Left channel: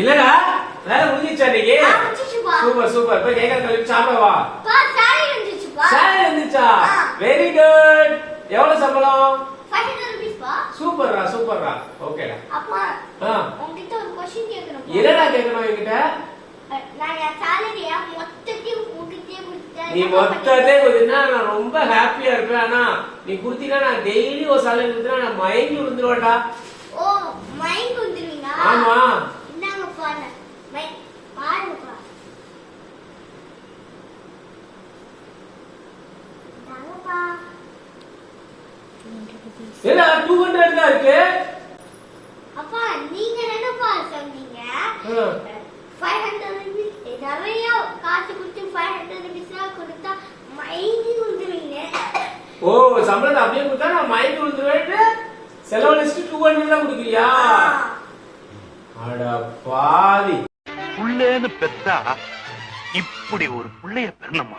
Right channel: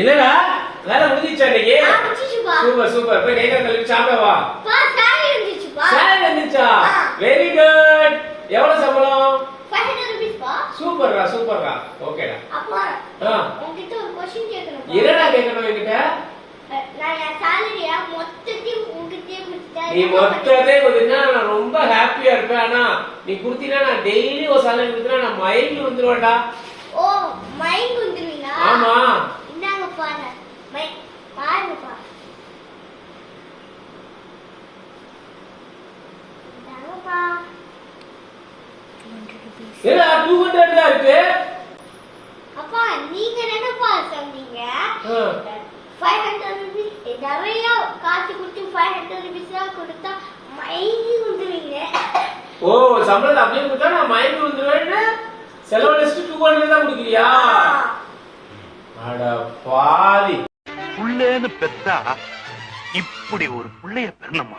என்னடா வேலை முடிஞ்சிச்சா இன்னைக்கு? Super super. போய் கை கால் கழுவி சாப்பிட வா. சேலரி வந்துச்சா? Very good. எவ்வளவு சம்பளம்? 500 rupees பா. சூப்பர்டா சூப்பர்டா. ஓகேடா. அப்பா உன்கிட்ட ஒரு क्वेश्चन கேக்கணும். என்னடா கேக்கணும் என்கிட்ட? நான் என் சேலரியா மொத்தத்தையும் உன்கிட்டயே கொடுத்தா நீ மொத்தத்தை கொடுத்தா நான் ரொம்ப ஹாப்பியா இருப்பேன். ஆனா நீ குடுத்தீனா நான் டெய்லி ஒரு சேலரி கொடுத்தா நான் மயங்கி விழுந்துருவேன்டா. ஓ மயங்கி விழுந்துருவீங்களா? ஆமா. இந்தாங்க பாருங்க. பாருங்கப்பா. இந்தாங்கப்பா. 200 rupees. ஏடா 200 தான் இருக்கு. அப்பா நீங்க என்னப்பா சொன்னீங்க? 500 rupees நிறைய காசு கொடுத்து 500 rupees கொடுத்தா மயங்கி விழுந்துருவீங்க. ஓ சம்பளத்தை அப்படியே கொடுத்தா நான் மயங்கி விழுந்துருவேன். செலவு லிஸ்ட் 200 தான் கொடுக்குறியா? அட பாவி. புள்ளேன்னு பெத்தா இப்படி ஒரு புள்ளைய பெறணுமா?